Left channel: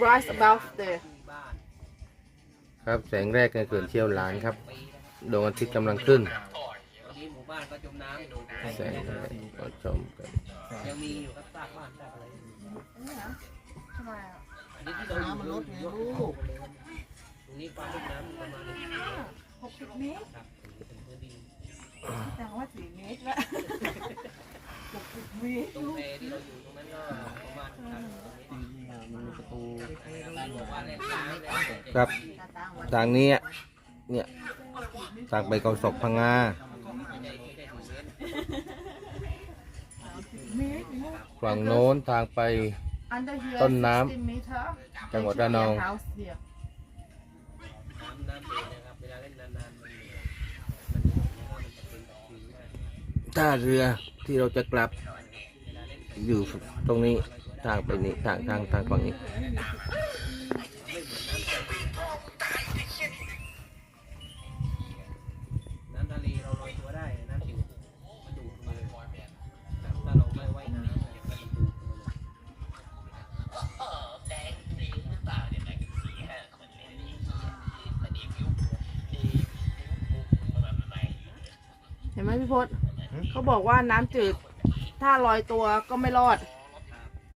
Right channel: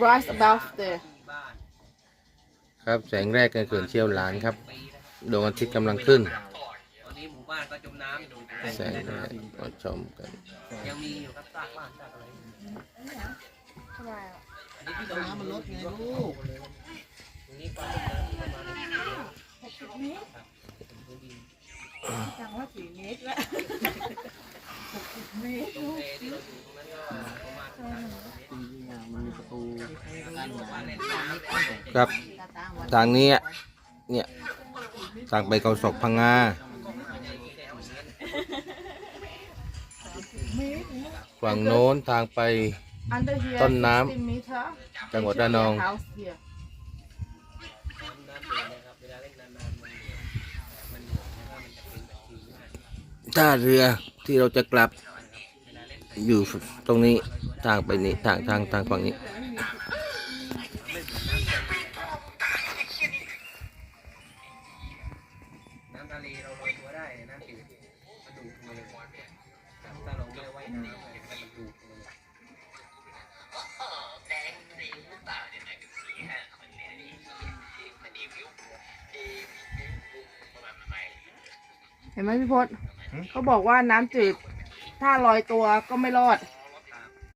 rise above the ครับแสงแรกในเขื่อนเชี่ยวหลานครับดวงอาทิตย์กำลังขึ้น ตอนนี้หมู่บ้านก็จมน้ำอยู่แสงแรกมาชมกัน ยังมีอยู่ครับซากบ้านซากอะไรทำไมอะอันนี้ที่เราน้ำมันลดไงลูกตรงนี้ความลึกน้ำประมาณนี้หกสิบเมตรครับเป็นพื้นดินแต่ว่าสี่เมตรแล้วหกสิบเมตรตรงเอที่เราอยู่ตรงนั้นก็ จริงๆอะมันมีประตูครับ ทางนี้อะเนี่ยทางไปเขาศกพังงา ฝั่งโน้นทางไป ต้นน้ำ จังหวัดระนองถ้าเล่นนานๆมันเหนื่อยมันเหนื่อยแล้วก็มันจะเป็นตะคริวมากท่าเรือที่เราจะกลับ อยู่ตรงนี้ทางไปนี้ทางทางทางฝั่งนี้ไม่เหมือนน้ำทะเลน้ำทะเลเราโรยตัวได้น้ำจืดมันดูดมาเลยครับถ้าเราไม่ว่ายน้ำเนี่ยมันดูดมาเลยเห็นไหมพี่พศเขาบอกว่าน้ำจืด ถ้าลอยตัวก็ไม่รอด